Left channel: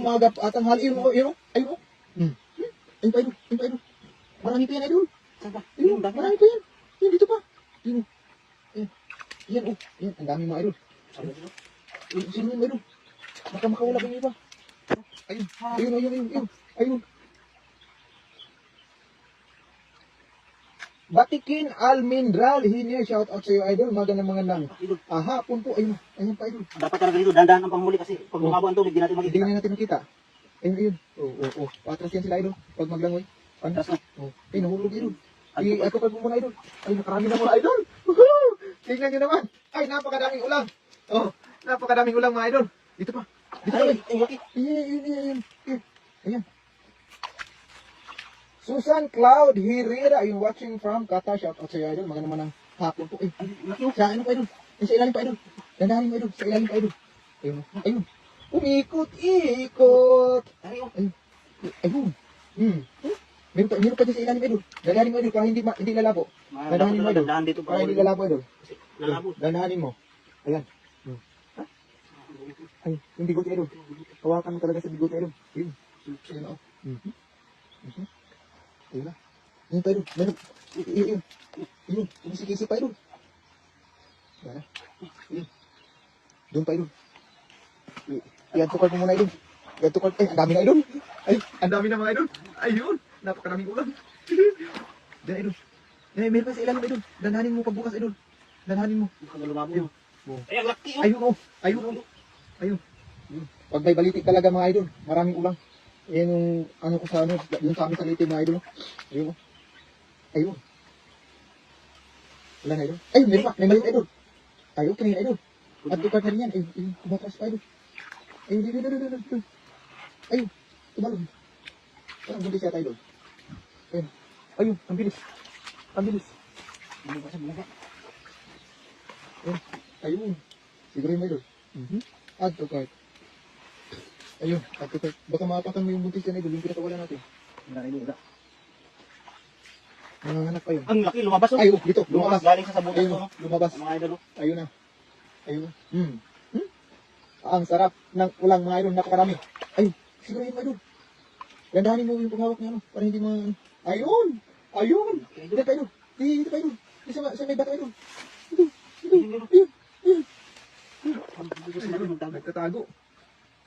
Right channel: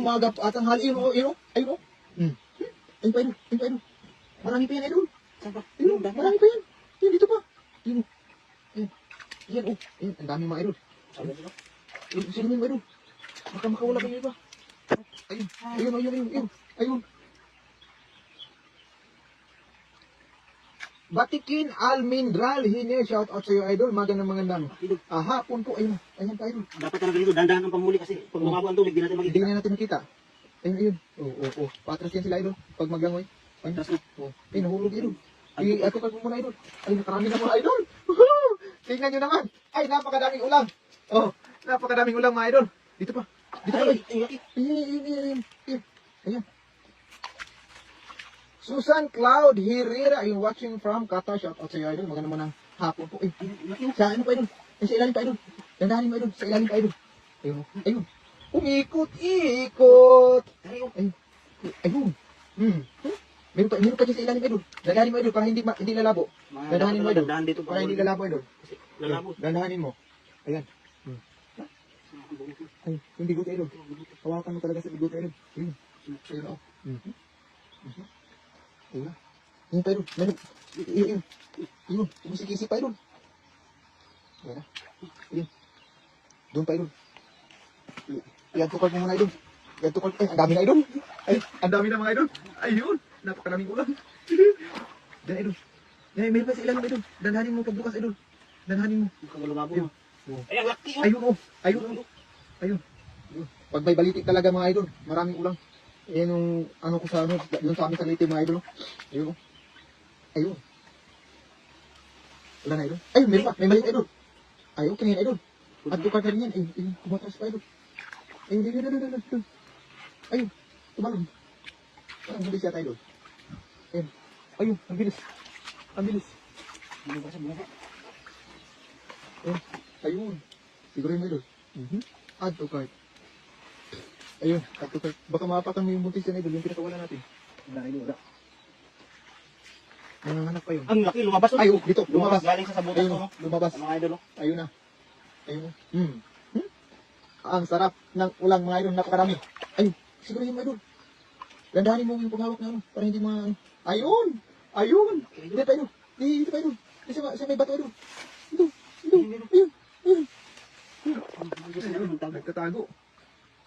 umaga at ang hali. Ayun o. Ayun o. Ayun pa idol. Ayun pa idol. Marami pa yan idol. Ayun, marami pa yan. Yan, dito pa. Ayun o. Yan o. Yan, ang dami mga idol. Ayun, sino yung idol? Baka makawala yung iba. Ayun, ayun, ayun, ayun. Ayun. Batikin Almindral, hinye, shout out sa iyo idol, magandang. Aha, punto, ayun, ayun pa idol. Dapat talaga dito, dandahan ang pamuli kasi pag bumabuan to, hindi natin Hindi makikita. nga natin makita. Ayun, ayun. Oo. Patras yan sila idol, pag maglangoy. Ano? Tapos na. Ay, nahulog idol. Ay, ako pag muna idol. Ay, nakarami na muna idol. Woohoo! Tingnan nyo naman. Ay, napakadaming ulang. Oh, napakadaming ulang mga idol. Dito pa. Dito pa. Ayun. Ayan. Susan Cloud Herrera, you're watching from Qatar. Shout out sa iyo, idol. Maganda naman ang hapon po. Ay, sa ano pa, idol? Sa ilalim pa, idol. Dandahan mo, idol. Sa ilalim pa, idol. Ayun. Umikot. Ayun. Meron pa dyan sa ilalim, idol. Dandahanin mo, idol, para hindi lalabo. Dandahanin mo, idol. Dandahan dito Para hindi lalabo, idol. lalabo. Dandahanin mo. Ayan. Ay, yung bigot, idol. Hawakan mo talaga sa bigot, idol. Ayun. Ayun, oh. Ayun na. Ayun pa, idol. Ayun. Sumisikisi pa, idol. Ayun na. Ayun. Doon pa, idol. Yan, tukal mo muna, idol. Yan, tukal. Ang dami na, idol. Ay, ang dami na mga idol. Ayun. Napakaraming ulan. Diyan, idol. Ay, meron pa sa ilang, idol. Dandahanin mo pagbukas, idol. Dandahanin mo. Ayun. Ay, ang laki oh. Ayun, oh. Ayun. Pag may baliti talaga mga idol, maraming ulang. Ayan yung ano ko sa yung sa amin sa Leyte mga idol. Ayun. Ayun. Wala na idol. Ay, may maliit idol. Ayun, kanina idol. At ipad na rin yan. Ayun, tumatras pa idol. Ayun. Ayun, tumalon. Parang bulis yata idol. Ayun, ang bilis. Ayun. Siguro yung idol. Add to cart. Ayun, add to cart. Baka makapatang may muntis yan idol, yung pinatawala natin. Wala. Nanganganak pa yun. Ang laki, lumabas oh. Ay, dito, lumabas. Galing sa sabutas Ayun, to, no? lumabas. Mga idol oh. Ayun na. Ang sarap ng ulang mga idol, napakarami. Ayun, siguro yung idol. Gandahanin mo yung pangawak na ano, para hindi mga... Ayun! Dito pa idol. Dito pa idol. Dito sa may bato idol. Ito. Ayun. Nagtatago.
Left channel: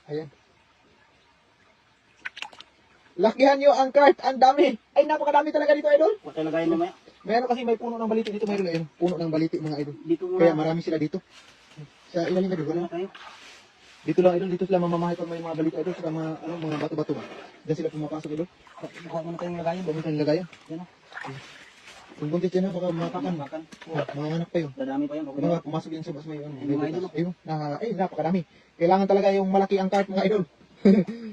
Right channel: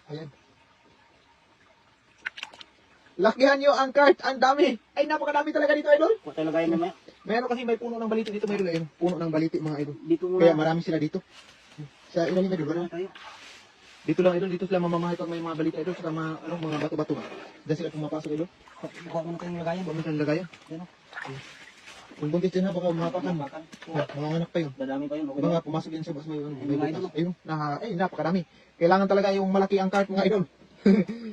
Ayan. Lakihan nyo ang cart. Ang dami. Ay, napakadami talaga dito, idol. Huwag tayo lagayin mamaya. Meron kasi may puno ng baliti dito, mayroon. Ayun, puno ng baliti, mga idol. Dito muna. Kaya marami sila dito. Sa ilalim, idol. Wala. Tayo. Dito lang, idol. Dito sila mamamahay pag may mga baliti, idol. Saka mga bato-bato. Diyan sila pumapasok, idol. Huwag mo na tayong lagayin. Huwag mo kang lagayan. Yan oh. Kung buntis yan na, baka mapakan. Nanganganak pa yun. Dadami pa yun. Okay. Mga pumasok yan sa bus may ano. Mga idol. Ayun, napakadami. Kailangan talaga yung malaki ang cart, mga idol.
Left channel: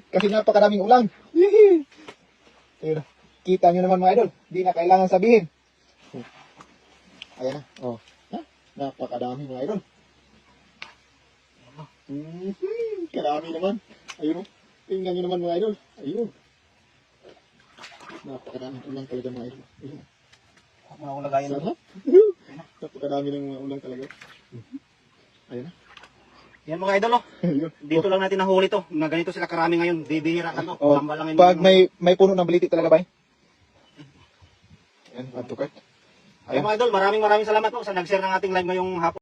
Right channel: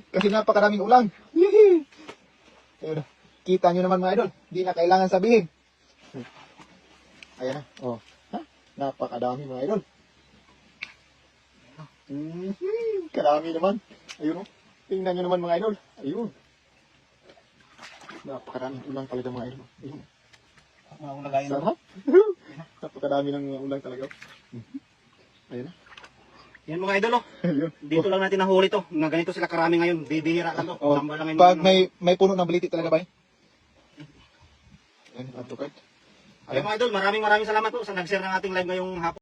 Kasi napakaraming ulang. Ayun, kita nyo naman mga idol. Hindi na kailangan sabihin. Ayan na. Oh. Napakadami mga idol. Kadami naman. Ayun o. Tingnan nyo naman mga idol. Ayun. Napakadami ulang talaga mga idol. Ayun. Huwag mo na lagayin. Sarap. Napakadami ng mga ulang talaga. Ayan na. Yan mga idol oh. Ayun. Dito lang natin nahuli to. Nga ganito sila karami ngayon. Bibihira lang to. Oh, Tambal lang yung pag may puno ng baliti talaga ba? Ayan, add to cart. Ay mga idol, maraming salamat po sa nag-share ng ating live ngayong hapon.